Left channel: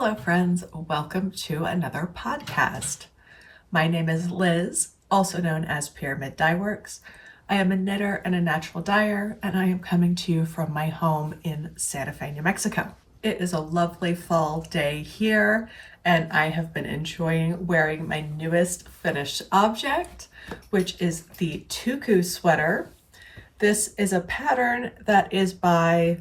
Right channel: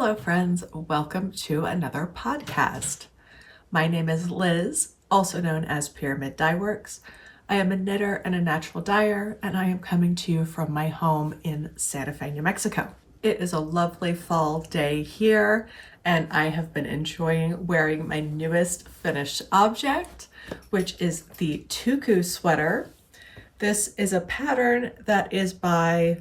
Hello friends, welcome to another podcast. My name is Liz, also known as Pyramid Dye Works. I am a knitter and a natural dyer, and I am coming to you from my home in Santa Fe, New Mexico. It is a lovely fall day here, and I have been enjoying wearing my newest finished object, which is the Tuku sweater. This is a pattern that is by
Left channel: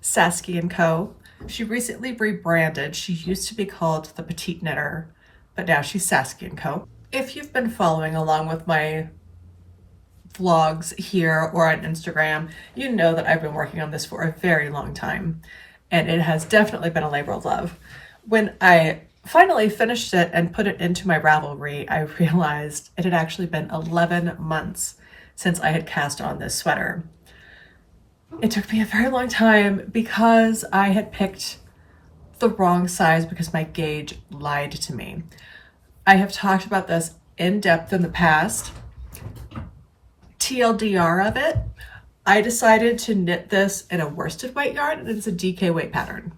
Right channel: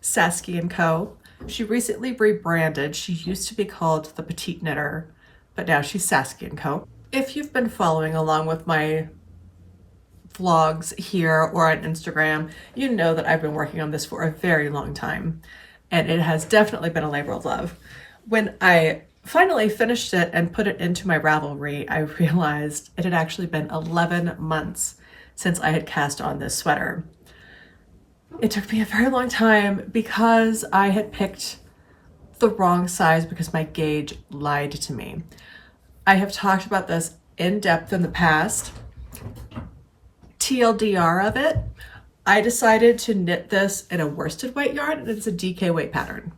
Sasky & Co. She recently rebranded. She used to be called the Petite Knitter, but now she's Sasky & Co. If you've been following along with my vlogs here or on Instagram, you know that I've been working on this for a very long time, and it has definitely been a labor of love. When I finally finished it and put it into my Ravelry, I realized it had actually been 11 months since I had cast on this sweater. It took me a very long time because I had picked the wrong size because my gauge lied to me. I have talked about this in depth in the past. TLDR of it, I decided to knit this in a worsted weight yarn, and it's a DK weight pattern.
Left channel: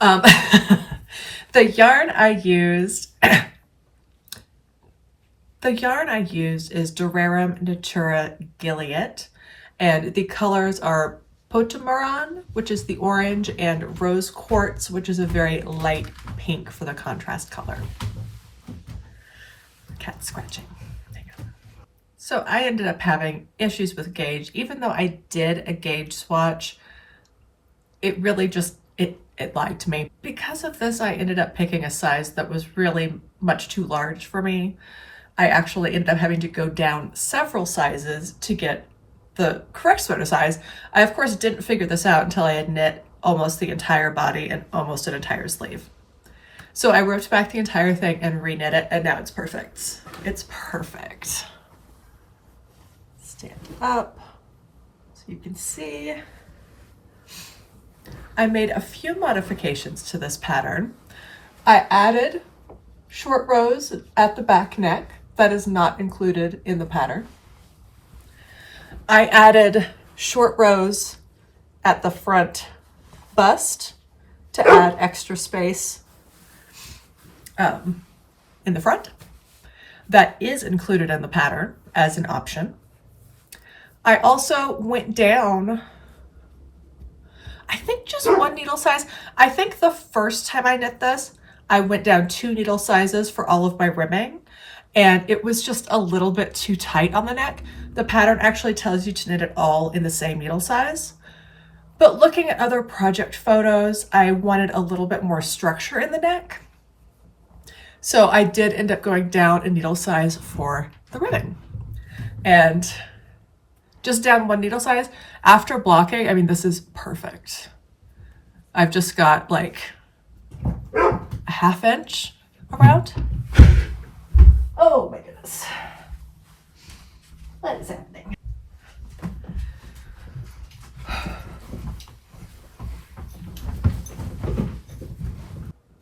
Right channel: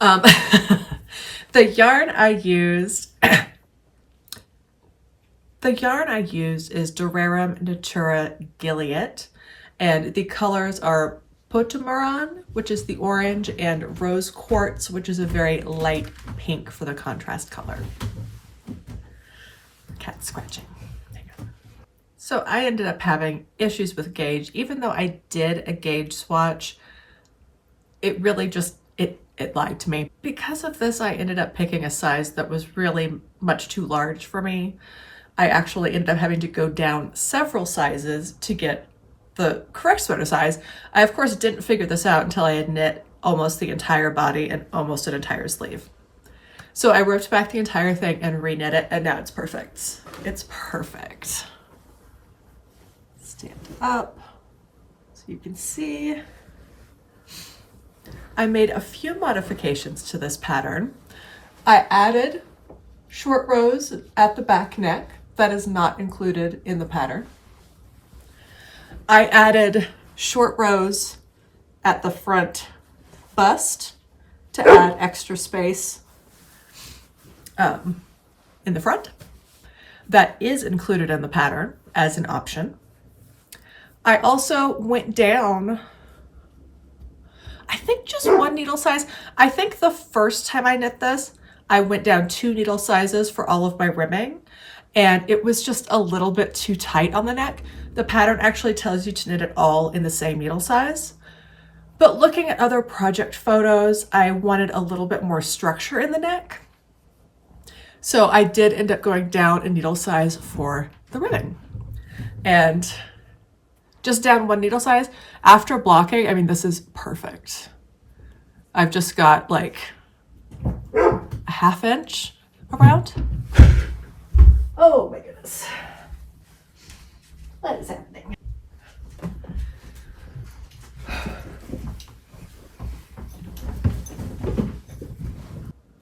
The yarn I used is Durarium Natura Gilead, and the colors are Potimarron, which is the orange, and Rose Quartz, which is a very light pink for the contrast color. Cat scratching. Hang on. So I ended up having issues with gauge. Even though I did a gauge swatch, it really just, it lied to me. Because of this, I ended up picking a size that was really much too large for me. I actually ended up having to go down several sizes to get the correct sweater size. I, of course, didn't figure this out until I had knit almost the entire body and almost an entire sleeve. So I ripped back the entire thing and reknit it, and now it's perfect. It's perfect. Stand up so you can see. I made a few modifications to this pattern. I added short rows at the back neck. That is not included in the pattern. I added short rows at the front bust to add extra space in the front. That is included in the pattern as an option. I also went down, I think, just one needle size. I think the first time I knit this, I went down 2 needle sizes for all of my ribbing, and it was just a little bit too tight on the neck. The pattern actually tells you to knit it all in the same needle size. But looking at other project photos, I wanted a little bit more structure in the neck. So I did end up going down a needle size for the ribbing. And just down 1 needle size. After blocking, I mean, this is perfect. I've just got like a 1/2 inch around. Oh my goodness. What is happening?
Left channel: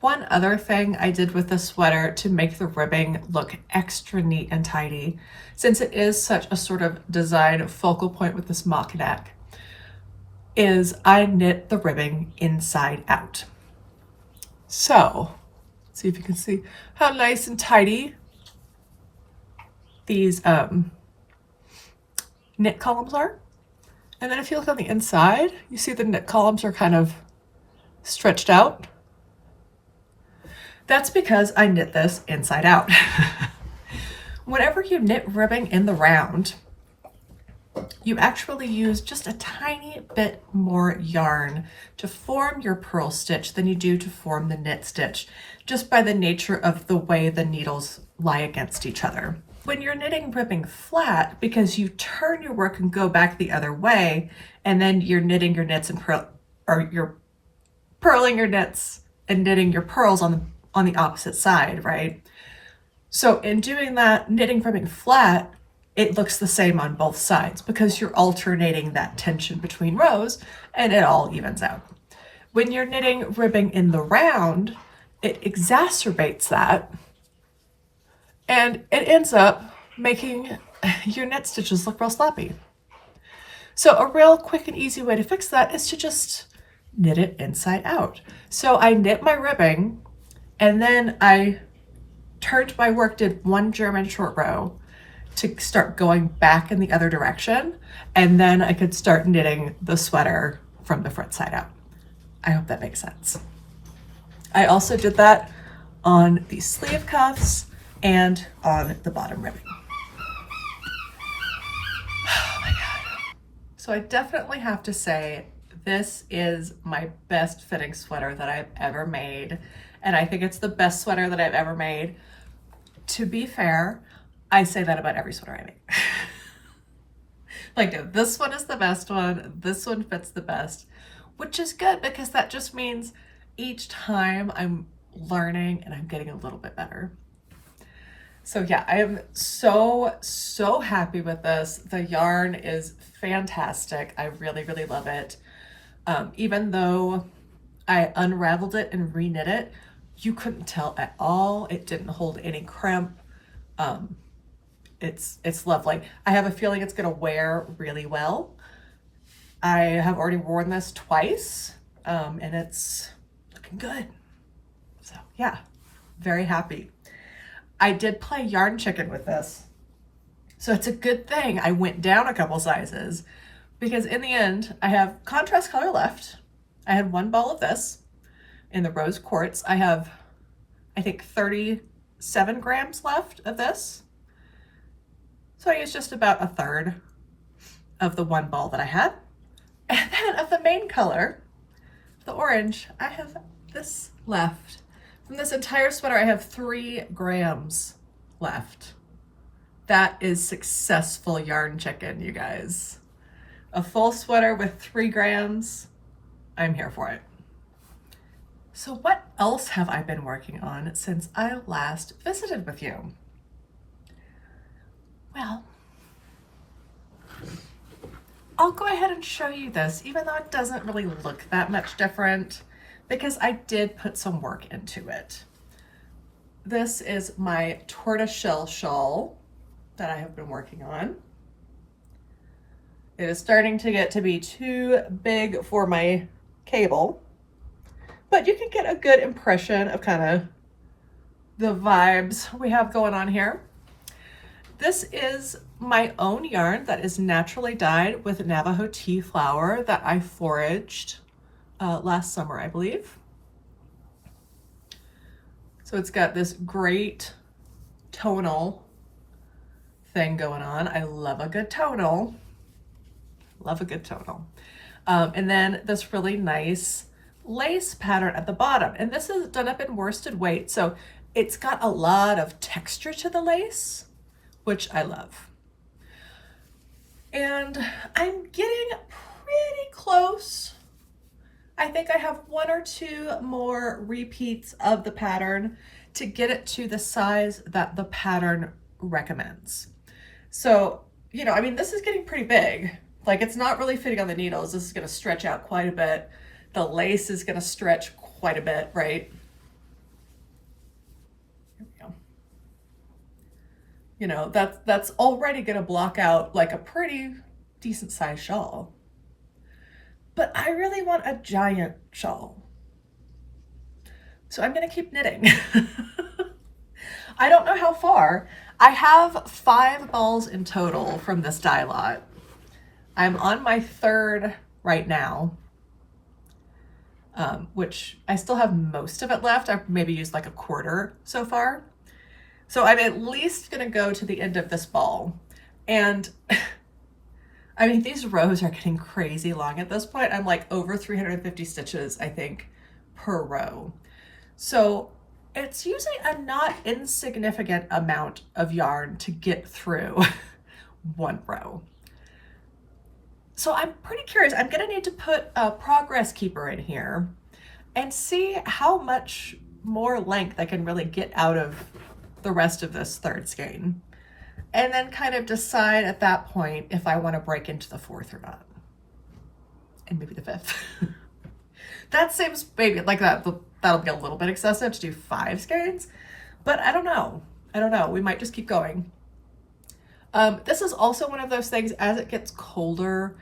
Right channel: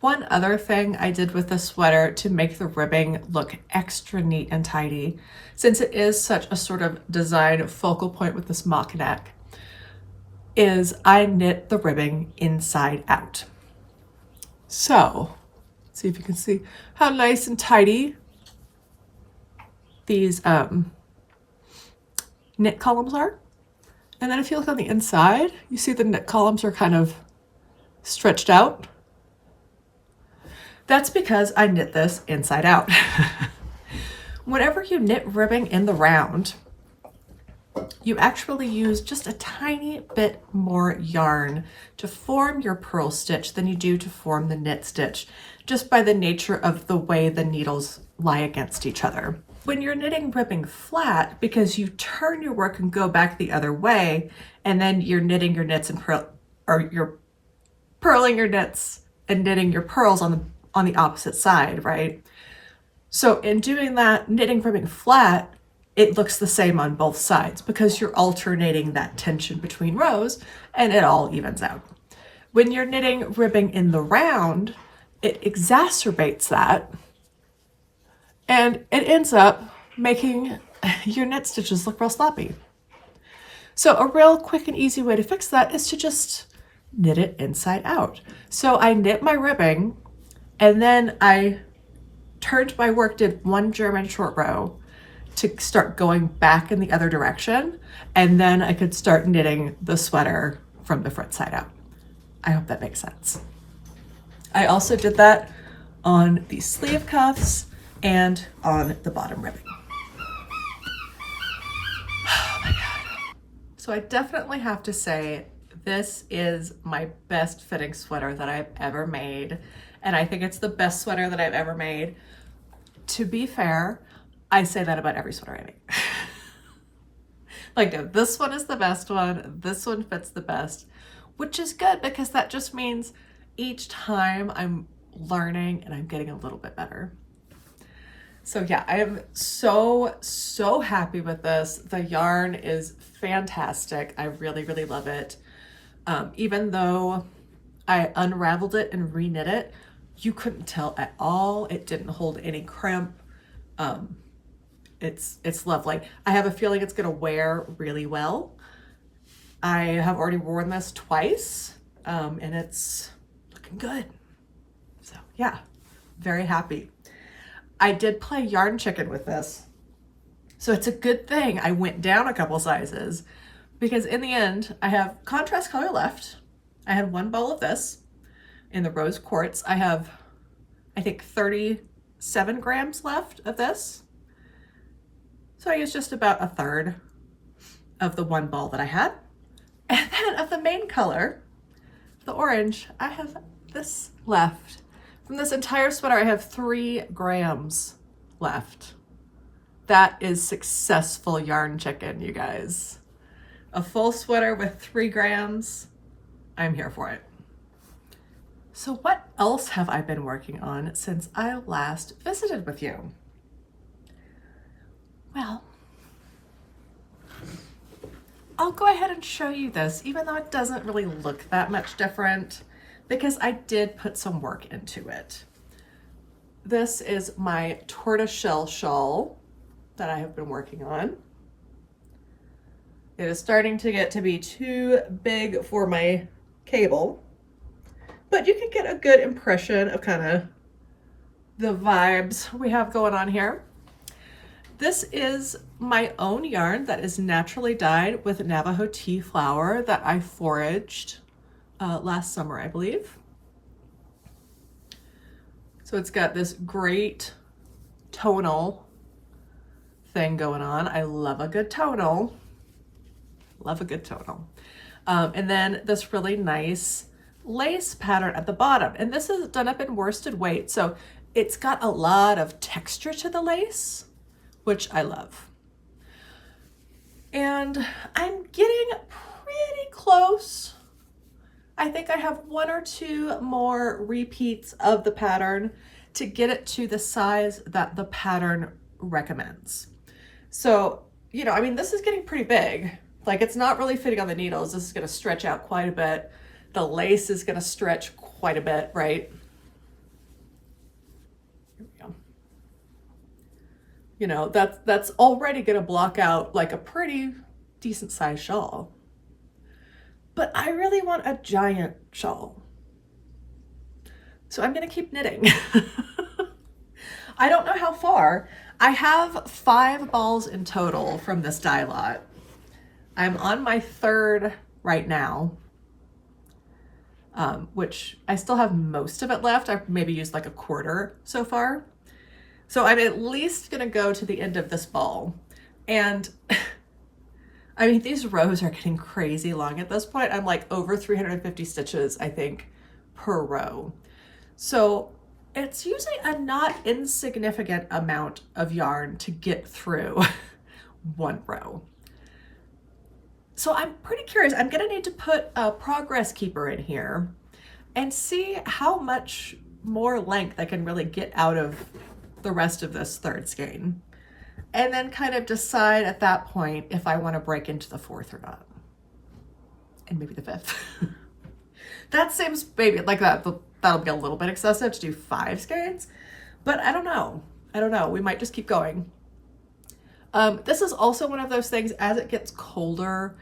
One other thing I did with the sweater to make the ribbing look extra neat and tidy, since it is such a sort of design focal point with this mock neck, is I knit the ribbing inside out. So, see if you can see how nice and tidy these knit columns are. And then if you look on the inside, you see the knit columns are kind of stretched out. That's because I knit this inside out. Whenever you knit ribbing in the round, you actually use just a tiny bit more yarn to form your purl stitch than you do to form the knit stitch, just by the nature of the way the needles lie against each other. When you're knitting ribbing flat, because you turn your work and go back the other way, and then you're knitting your knits and you're purling your knits and knitting your purls on the opposite side, right? So in doing that, knitting ribbing flat, it looks the same on both sides because you're alternating that tension between rows, and it all evens out. When you're knitting ribbing in the round, it exacerbates that, and it ends up making your knit stitches look real sloppy. So a real quick and easy way to fix that is to just knit it inside out. So I knit my ribbing, and then I turned my work, did one German short row to start going back in the other direction, and then I could start knitting the sweater from the front side out. I hope that makes sense. I also did that on the sleeve cuffs and on the bottom ribbing. Oh my God. So I definitely have to say, this is my best fitting sweater that I've ever made. And I think it's the best sweater that I've ever made. To be fair, I say that about every sweater I make. Like, no, this one is the best one. This one fits the best, which is good because that just means each time I'm learning and I'm getting a little bit better. So yeah, I am so happy with this. The yarn is fantastic. I really love it. Even though I unraveled it and reknit it, you couldn't tell at all. It didn't hold any crimp. It's lovely. I have a feeling it's gonna wear really well. I have already worn this twice, and it's looking good. So yeah, very happy. I did play yarn chicken with this. So it's a good thing I went down a couple sizes, because in the end, I have contrast color left. I had one ball of this in the rose quartz. I have, I think, 37 grams left of this. So I used just about a third of the one ball that I had. And then of the main color, the orange, I have this left. From this entire sweater, I have 3 grams left. That is successful yarn chicken, you guys. A full sweater with 3 grams, I'm here for it. So what else have I been working on since I last visited with you? Well, I'll go ahead and show you this, even though it doesn't really look that much different, because I did put some work into it. This is my tortoiseshell shawl that I have been working on. It is starting to get to be too big for my cable, but you can get a good impression of kind of the vibes we have going on here. This is my own yarn that is naturally dyed with Navajo tea flower that I foraged last summer, I believe. So it's got this great tonal thing going on. I love a good tonal. Love a good tonal. And then this really nice lace pattern at the bottom. And this is done up in worsted weight. So it's got a lot of texture to the lace, which I love. And I'm getting pretty close. I think I have 1 or 2 more repeats of the pattern to get it to the size that the pattern recommends. So, you know, I mean, this is getting pretty big. Like, it's not really fitting on the needles. This is going to stretch out quite a bit. The lace is going to stretch quite a bit, right? Here we go. You know, that's already going to block out like a pretty decent sized shawl. But I really want a giant shawl. So I'm going to keep knitting. I don't know how far. I have 5 balls in total from this dye lot. I'm on my 3rd right now, which I still have most of it left. I've maybe used like a quarter so far. So I'm at least going to go to the end of this ball. And I mean, these rows are getting crazy long at this point. I'm like over 350 stitches, I think, per row. So it's using a not insignificant amount of yarn to get through one row. So I'm pretty curious. I'm gonna need to put a progress keeper in here and see how much more length I can really get out of the rest of this 3rd skein. And then kind of decide at that point if I want to break into the 4th or not. And maybe the 5th. That seems maybe like that'll be a little bit excessive to do 5 skeins, but I don't know. We might just keep going. This is also one of those things, as it gets colder,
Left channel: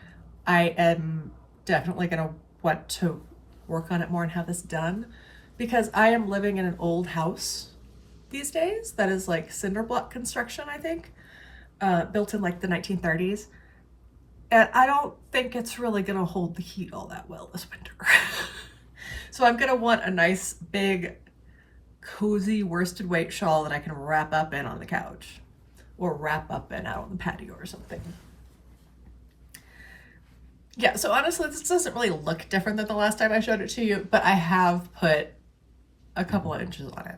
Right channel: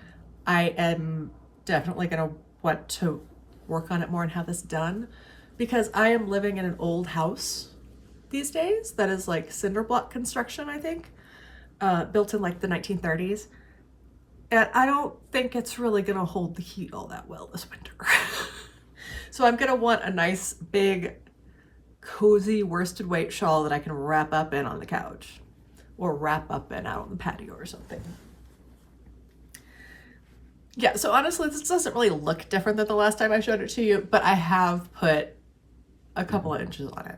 I am definitely going to want to work on it more and have this done, because I am living in an old house these days that is like cinder block construction, I think, built in like the 1930s. And I don't think it's really gonna hold the heat all that well this winter. So I'm gonna want a nice big cozy worsted weight shawl that I can wrap up in on the couch or wrap up in out on the patio or something. Yeah, so honestly, this doesn't really look different than the last time I showed it to you, but I have put a couple of inches on it.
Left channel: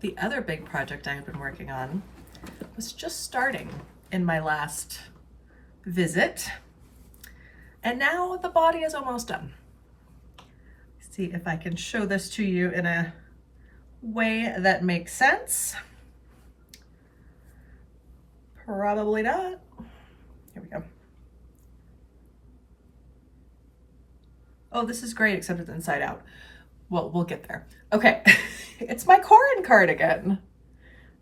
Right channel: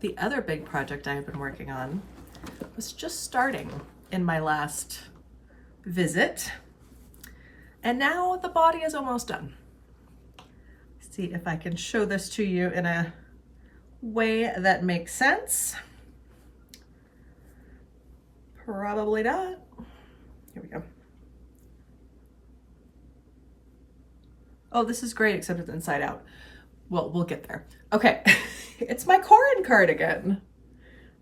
The other big project I have been working on was just starting in my last visit, and now the body is almost done. See if I can show this to you in a way that makes sense. Probably not. Here we go. Oh, this is great, except it's inside out. Well, we'll get there. Okay, it's my Corin cardigan.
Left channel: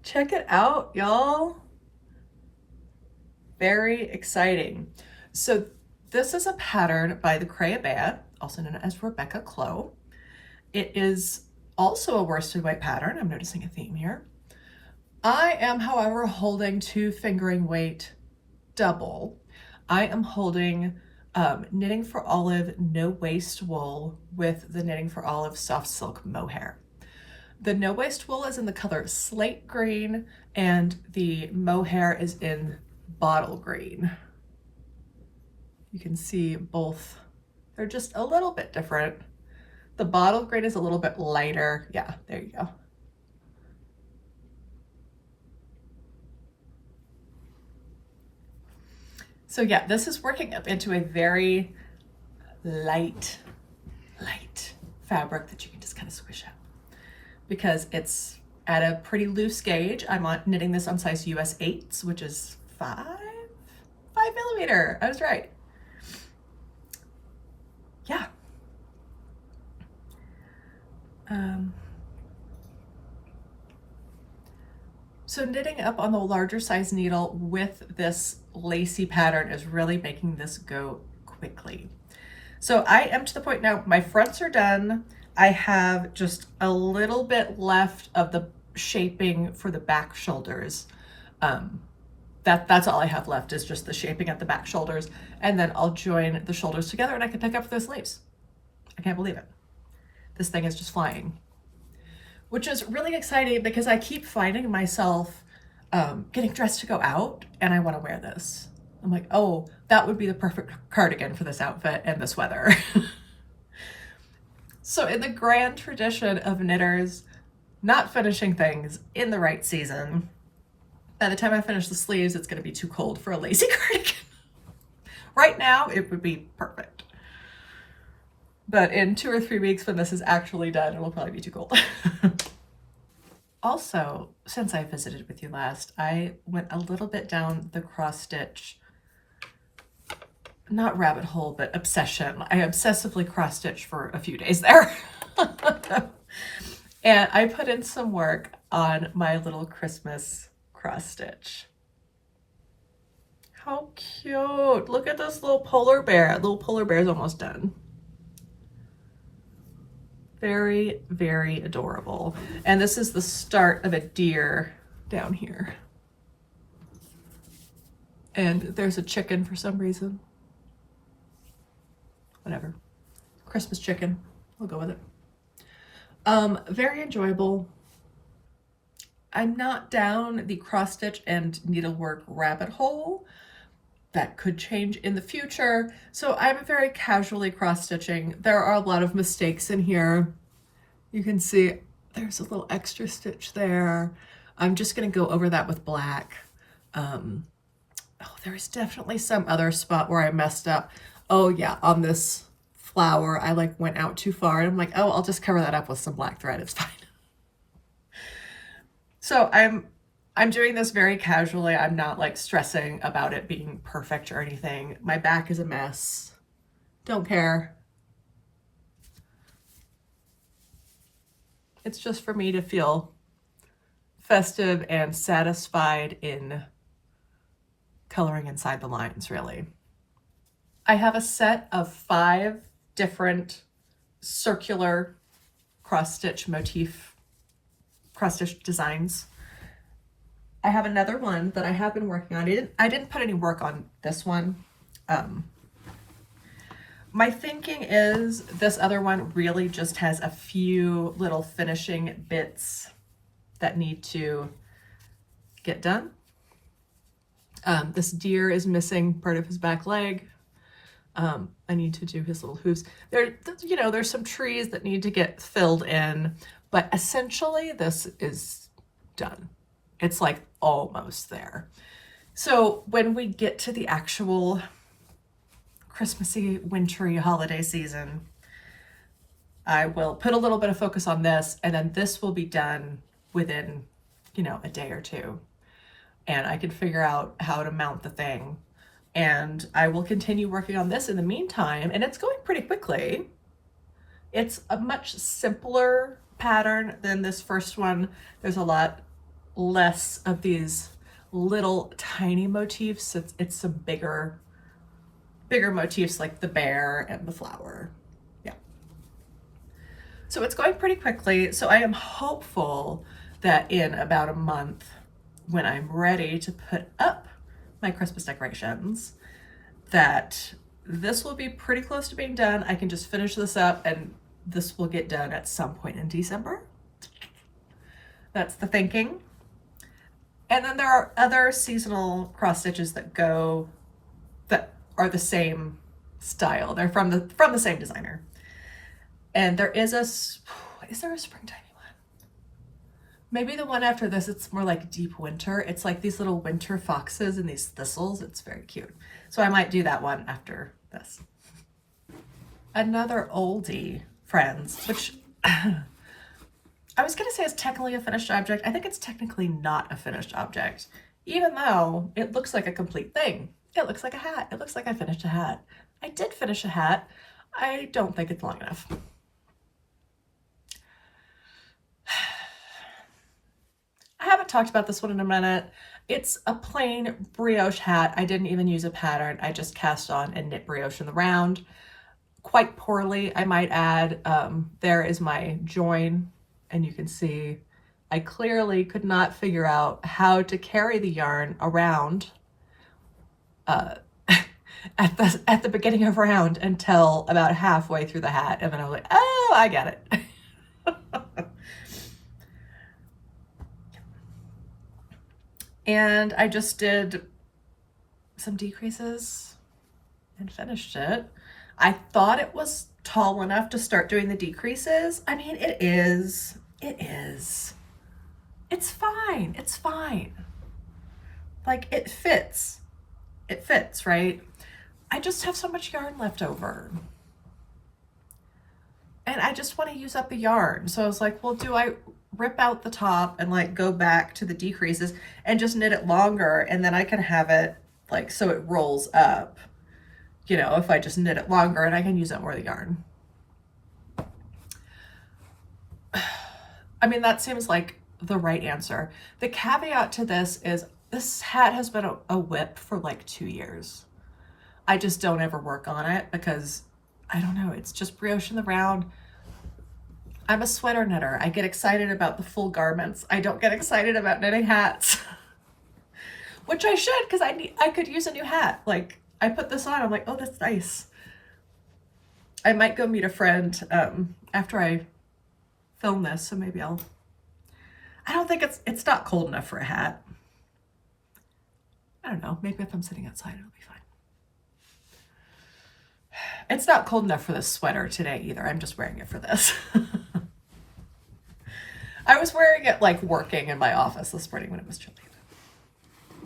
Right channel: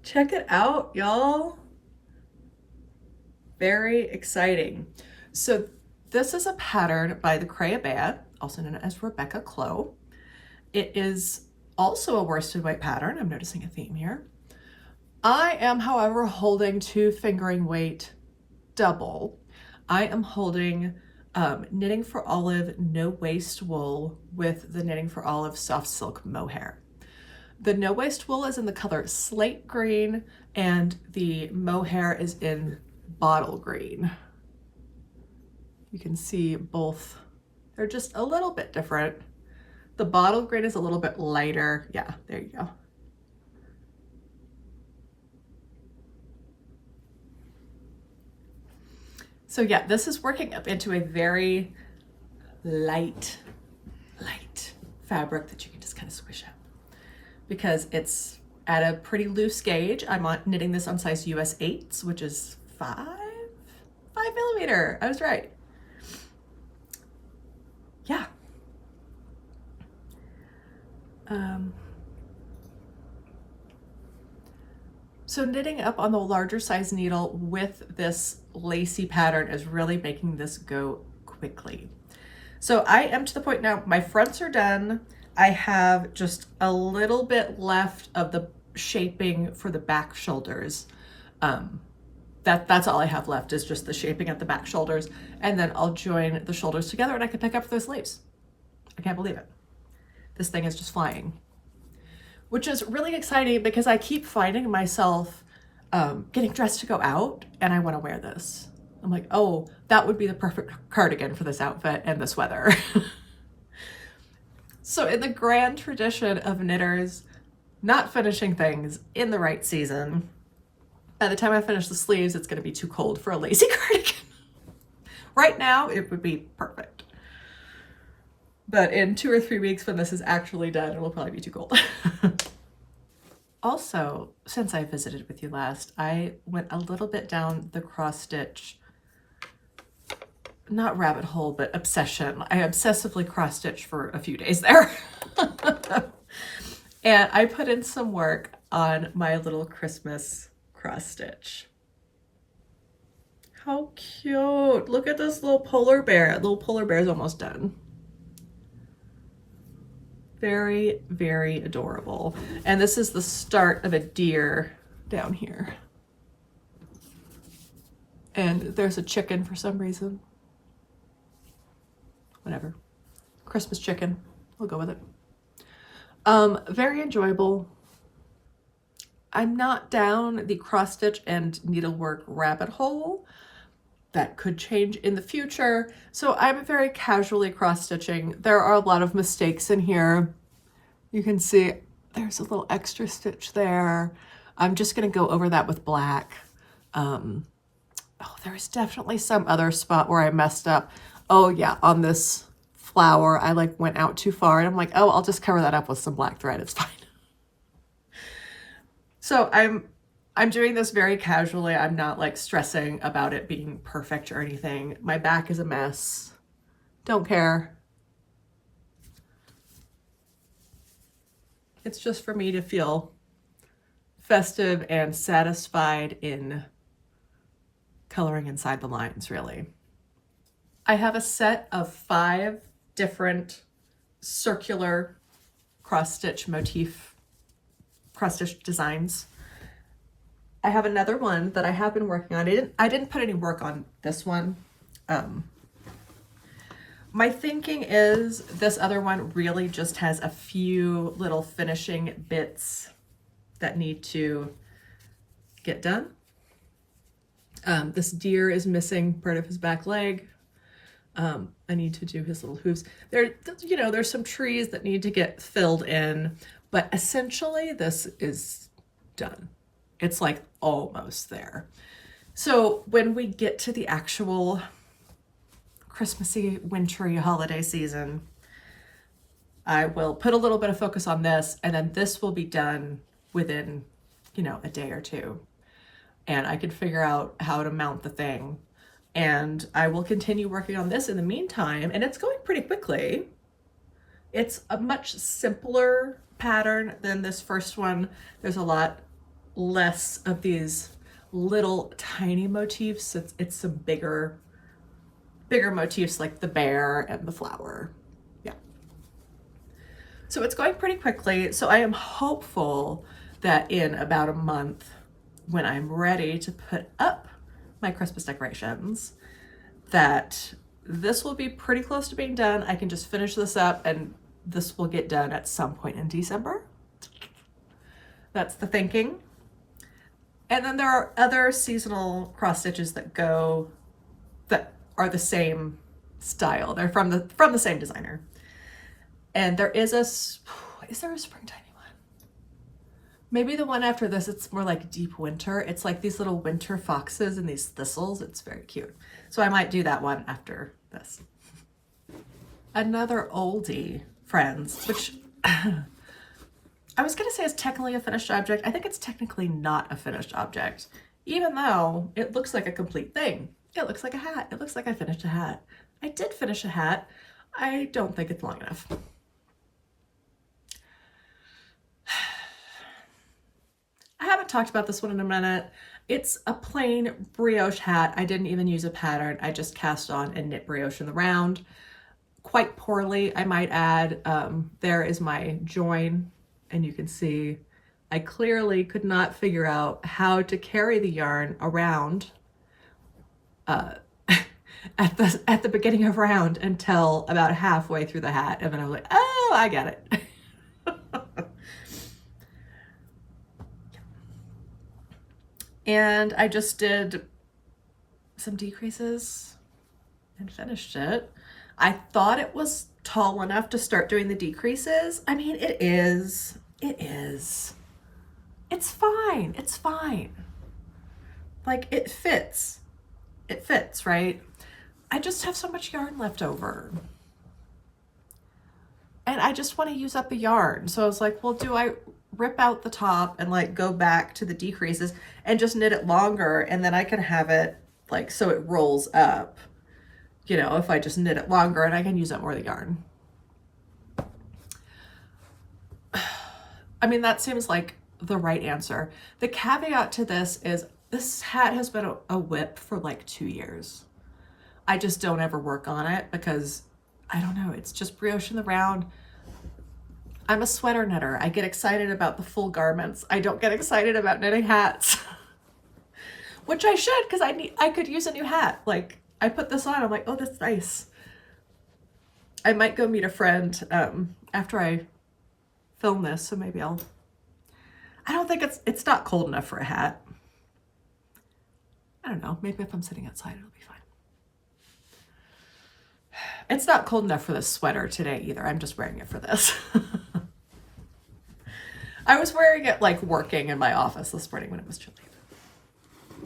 Check it out, y'all. Very exciting. So this is a pattern by the Crayabea, also known as Rebecca Clow. It is also a worsted weight pattern. I'm noticing a theme here. I am, however, holding 2 fingering weight double. I am holding Knitting for Olive no waste wool with the Knitting for Olive soft silk mohair. The no waste wool is in the color slate green and the mohair is in bottle green. You can see both. They're just a little bit different. The bottle green is a little bit lighter. Yeah, there you go. So yeah, this is working up into a very light fabric that you can just kind of squish out because it's at a pretty loose gauge. I'm knitting this on size US 8s, which is 5 millimeter. I was right. Yeah. So knitting up on the larger size needle with this lacy pattern is really making this go quickly. So I am to the point now, my fronts are done. I have just a little bit left of the shaping for the back shoulders. That's all I have left is just the shaping at the back shoulders. And then I'll join the shoulders together and I can pick up those sleeves. I can't believe it. This thing is just flying. Which is really exciting because I keep finding myself getting dressed to go out and I want to wear this. I'm like, oh, that would be the perfect cardigan for this outfit and this weather. So in the grand tradition of knitters not finishing things in the right season, by the time I finish the sleeves, it's going to be too cold for a lacy cardigan. Right now, it would be perfect. But in 2 or 3 weeks when this is actually done, it will probably be too cold. Also, since I visited with you last, I went a little bit down the cross stitch, not rabbit hole, but obsession. I obsessively cross stitched for a few days there. And I put in some work on my little Christmas cross stitch. How cute. Look at this little polar bear. Little polar bear is almost done. Very, very adorable. And this is the start of a deer down here. And there's a chicken for some reason. Whatever. Christmas chicken. We'll go with it. Very enjoyable. I'm not down the cross stitch and needlework rabbit hole. That could change in the future. So I'm very casually cross stitching. There are a lot of mistakes in here. You can see there's a little extra stitch there. I'm just gonna go over that with black. Oh, there's definitely some other spot where I messed up. Oh yeah, on this flower, I like went out too far and I'm like, oh, I'll just cover that up with some black thread, it's fine. So I'm doing this very casually. I'm not like stressing about it being perfect or anything. My back is a mess. Don't care. It's just for me to feel festive and satisfied in coloring inside the lines, really. I have a set of 5 different circular cross-stitch motif, cross-stitch designs. I have another one that I have been working on. I didn't put any work on this one. My thinking is this other one really just has a few little finishing bits that need to get done. This deer is missing part of his back leg. I need to do his little hooves. There's some trees that need to get filled in, but essentially this is done. It's like almost there. So when we get to the actual Christmassy, wintry holiday season, I will put a little bit of focus on this, and then this will be done within, a day or two. And I can figure out how to mount the thing. And I will continue working on this in the meantime, and it's going pretty quickly. It's a much simpler pattern than this first one. There's a lot less of these little tiny motifs. It's some bigger motifs like the bear and the flower. Yeah. So it's going pretty quickly. So I am hopeful that in about a month, when I'm ready to put up my Christmas decorations, that this will be pretty close to being done. I can just finish this up and this will get done at some point in December. That's the thinking. And then there are other seasonal cross stitches that are the same style. They're from the same designer. And there is there a springtime one? Maybe the one after this, it's more like deep winter. It's like these little winter foxes and these thistles. It's very cute. So I might do that one after this. Another oldie, friends, which I was gonna say is technically a finished object. I think it's technically not a finished object, even though it looks like a complete thing. It looks like a hat. It looks like I finished a hat. I did finish a hat. I don't think it's long enough. I haven't talked about this one in a minute. It's a plain brioche hat. I didn't even use a pattern. I just cast on and knit brioche in the round. Quite poorly, I might add. There is my join, and you can see I clearly could not figure out how to carry the yarn around at the beginning of round until about halfway through the hat, and then I was like, oh, I get it. And I just did some decreases and finished it. I thought it was tall enough to start doing the decreases. I mean, it is. It's fine. It's fine. Like, it fits. It fits, right? I just have so much yarn left over. And I just want to use up the yarn. So I was like, well, do I rip out the top and like go back to the decreases and just knit it longer, and then I can have it like so it rolls up, if I just knit it longer, and I can use up more of the yarn. I mean, that seems like the right answer. The caveat to this is this hat has been a whip for like 2 years. I just don't ever work on it because I don't know, it's just brioche in the round. I'm a sweater knitter. I get excited about the full garments. I don't get excited about knitting hats, which I should, because I could use a new hat. Like, I put this on, I'm like, oh, that's nice. I might go meet a friend after I film this, so maybe I don't think it's not cold enough for a hat. I don't know, maybe if I'm sitting outside, it'll be fine. It's not cold enough for this sweater today either. I'm just wearing it for this. I was wearing it like working in my office this morning when it was chilly.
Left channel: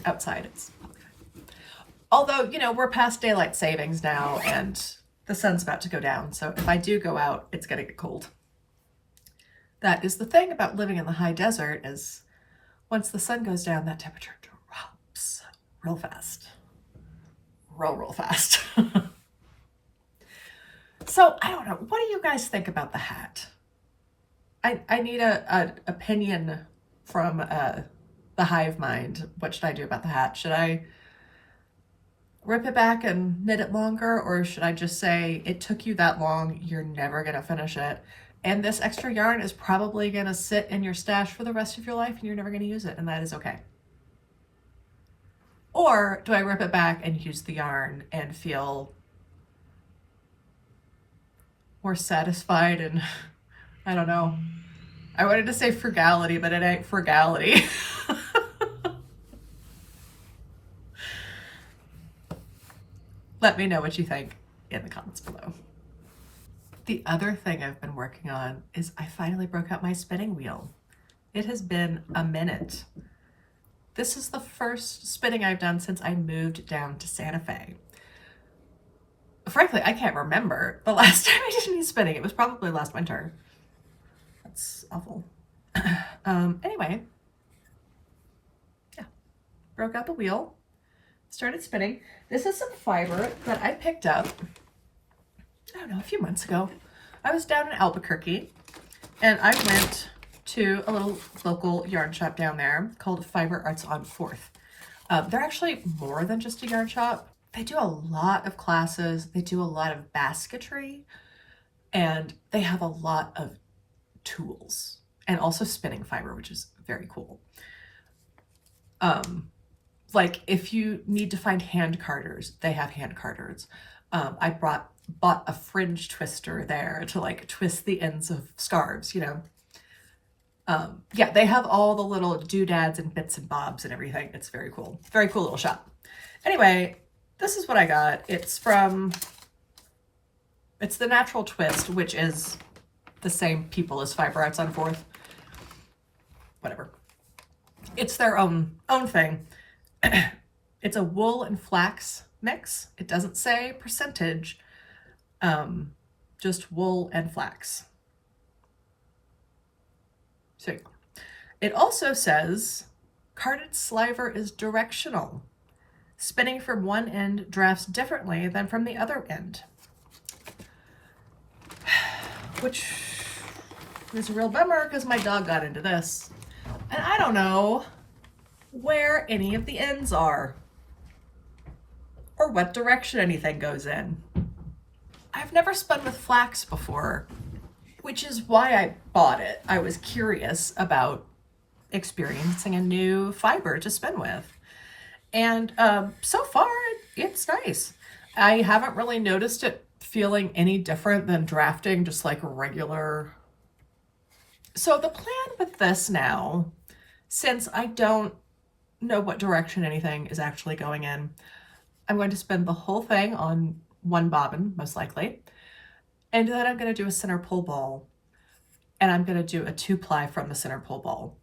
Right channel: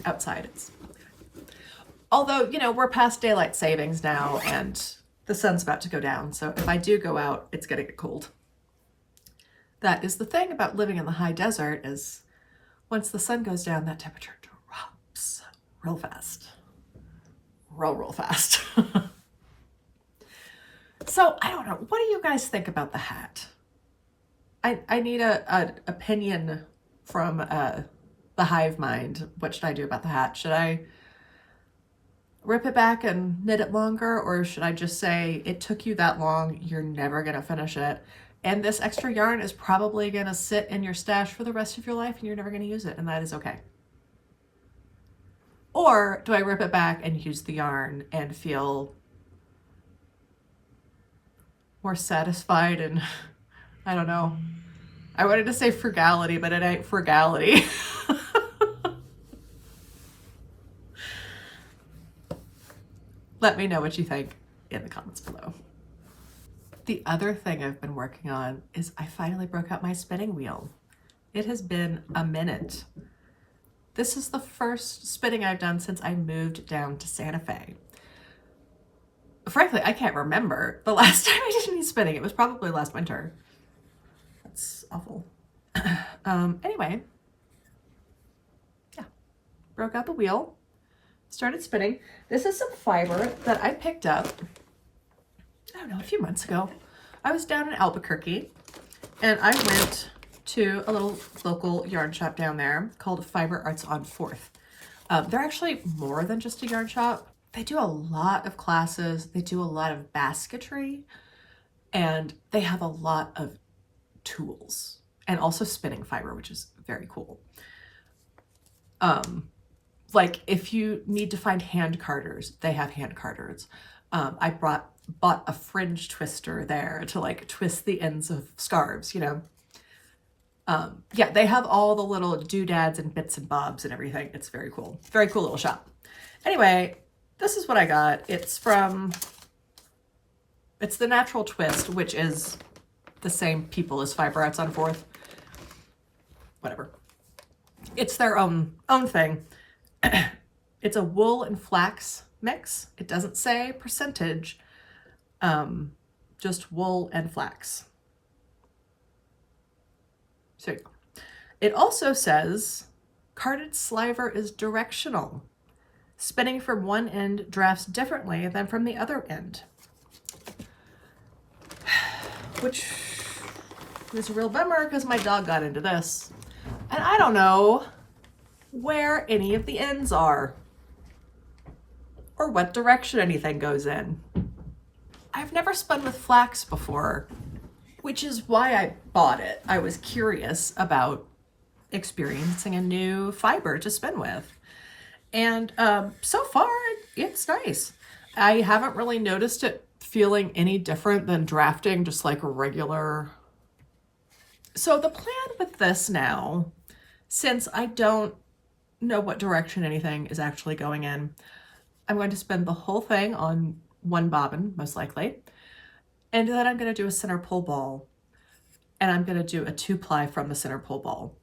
Outside, it's probably fine. Although, we're past daylight savings now and the sun's about to go down. So if I do go out, it's going to get cold. That is the thing about living in the high desert, is once the sun goes down, that temperature drops real fast. Real fast. So I don't know. What do you guys think about the hat? I need an opinion from the hive mind. What should I do about the hat? Should I rip it back and knit it longer, or should I just say it took you that long, you're never going to finish it, and this extra yarn is probably going to sit in your stash for the rest of your life and you're never going to use it, and that is okay? Or do I rip it back and use the yarn and feel more satisfied and, I don't know, I wanted to say frugality, but it ain't frugality. Let me know what you think in the comments below. The other thing I've been working on is I finally broke out my spinning wheel. It has been a minute. This is the first spinning I've done since I moved down to Santa Fe. Frankly, I can't remember the last time I did any spinning. It was probably last winter. That's awful. Anyway, yeah, broke out the wheel, started spinning. This is some fiber that I picked up, I don't know, a few months ago. I was down in Albuquerque and I went to a little local yarn shop down there called Fiber Arts on 4th. They're actually more than just a yarn shop. They do a lot of classes. They do a lot of basketry, and they have a lot of tools and also spinning fiber, which is very cool. Like if you need to find hand carders, they have hand carders. I bought a fringe twister there to like twist the ends of scarves, you know. Yeah, they have all the little doodads and bits and bobs and everything. It's very cool. Very cool little shop. Anyway, this is what I got. It's the Natural Twist, which is the same people as Fiber Arts on 4th. Whatever. It's their own thing. It's a wool and flax mix. It doesn't say percentage, just wool and flax. So it also says carded sliver is directional. Spinning from one end drafts differently than from the other end, which is a real bummer because my dog got into this and I don't know where any of the ends are or what direction anything goes in. I've never spun with flax before, which is why I bought it. I was curious about experiencing a new fiber to spin with. And so far, it's nice. I haven't really noticed it feeling any different than drafting just like a regular. So the plan with this now, since I don't know what direction anything is actually going in, I'm going to spin the whole thing on one bobbin, most likely. And then I'm going to do a center pull ball. And I'm going to do a 2-ply from the center pull ball.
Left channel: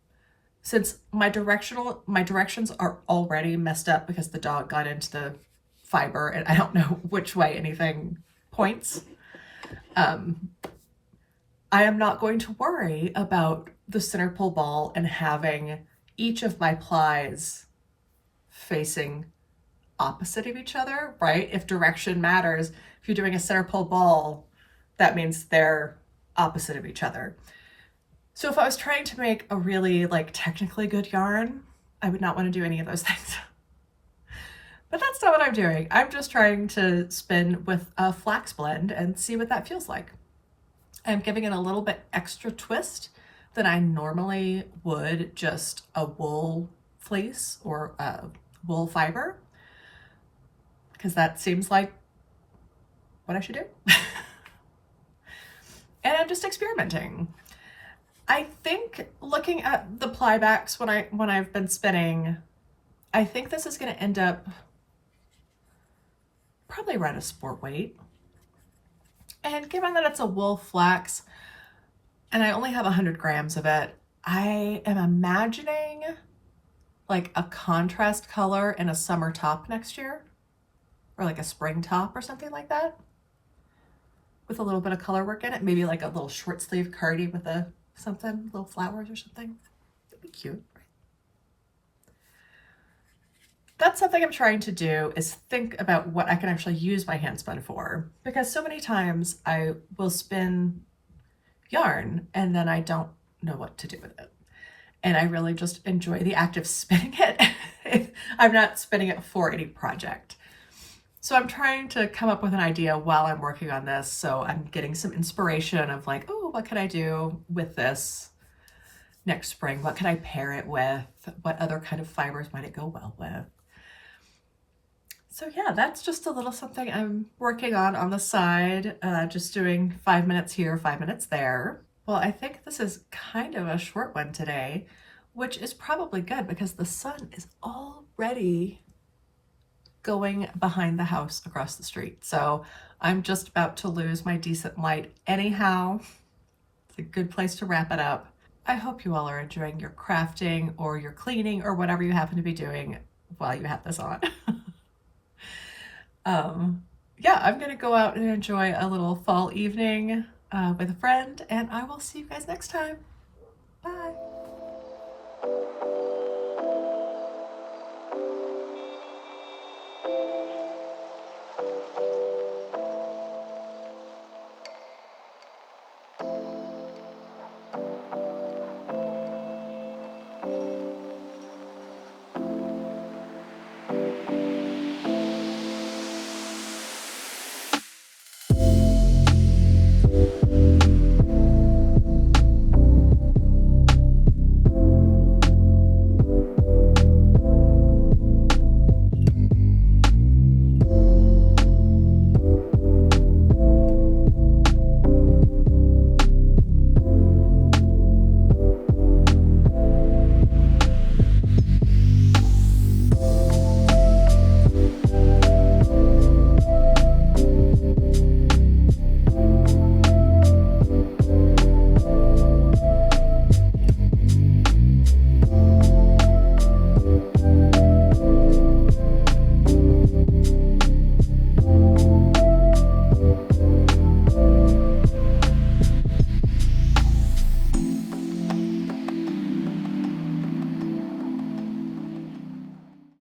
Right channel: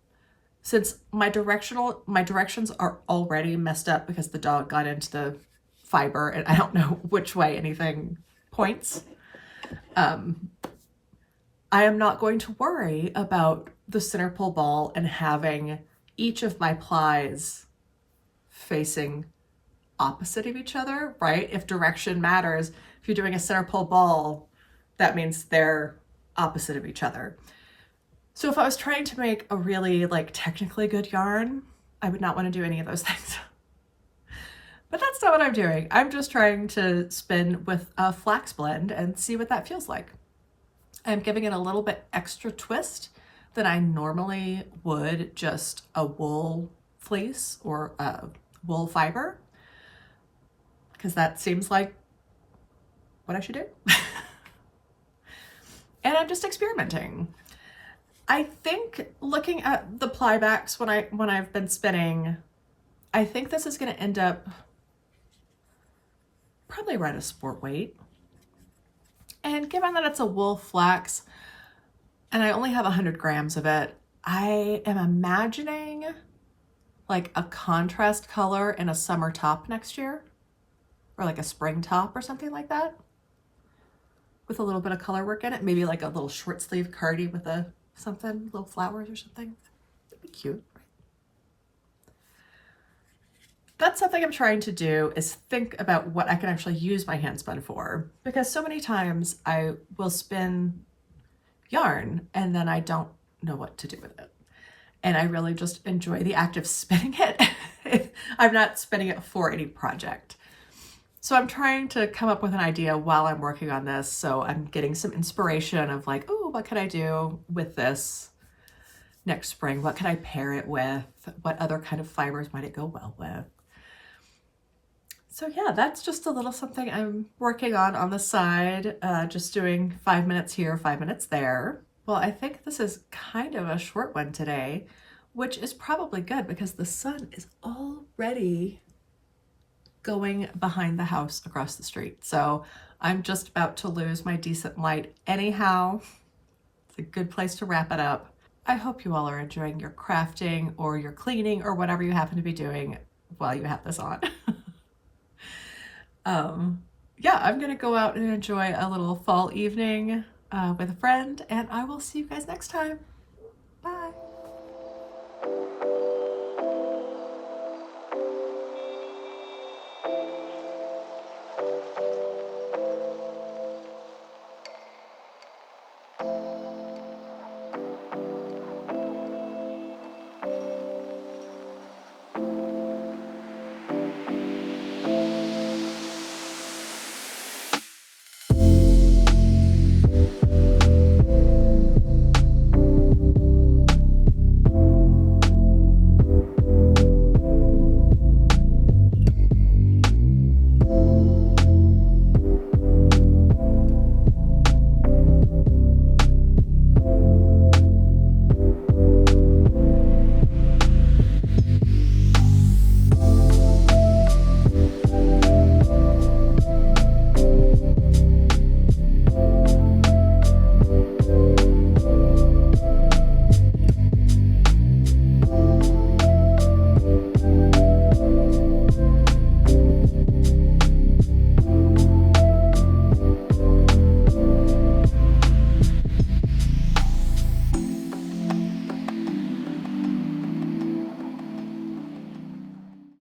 Since my directions are already messed up because the dog got into the fiber and I don't know which way anything points, I am not going to worry about the center pull ball and having each of my plies facing opposite of each other, right? If direction matters, if you're doing a center pull ball, that means they're opposite of each other. So if I was trying to make a really like technically good yarn, I would not want to do any of those things. But that's not what I'm doing. I'm just trying to spin with a flax blend and see what that feels like. I'm giving it a little bit extra twist than I normally would just a wool fleece or a wool fiber, because that seems like what I should do. And I'm just experimenting. I think looking at the ply backs when I've been spinning, I think this is going to end up probably around a sport weight. And given that it's a wool flax and I only have 100 grams of it, I am imagining like a contrast color in a summer top next year, or like a spring top or something like that, with a little bit of color work in it. Maybe like a little short sleeve cardi with a something, little flowers or something. That'd be cute. That's something I'm trying to do, is think about what I can actually use my hand spun for, because so many times I will spin yarn and then I don't know what to do with it. And I really just enjoy the act of spinning it. I'm not spinning it for any project. So I'm trying to come up with an idea while I'm working on this. So I'm getting some inspiration of like, oh, what could I do with this next spring? What could I pair it with? What other kind of fibers might it go well with? So yeah, that's just a little something I'm working on the side, just doing 5 minutes here, 5 minutes there. Well, I think this is kind of a short one today, which is probably good because the sun is already going behind the house across the street. So I'm just about to lose my decent light anyhow. It's a good place to wrap it up. I hope you all are enjoying your crafting or your cleaning or whatever you happen to be doing while you have this on. Yeah, I'm gonna go out and enjoy a little fall evening with a friend, and I will see you guys next time. Bye.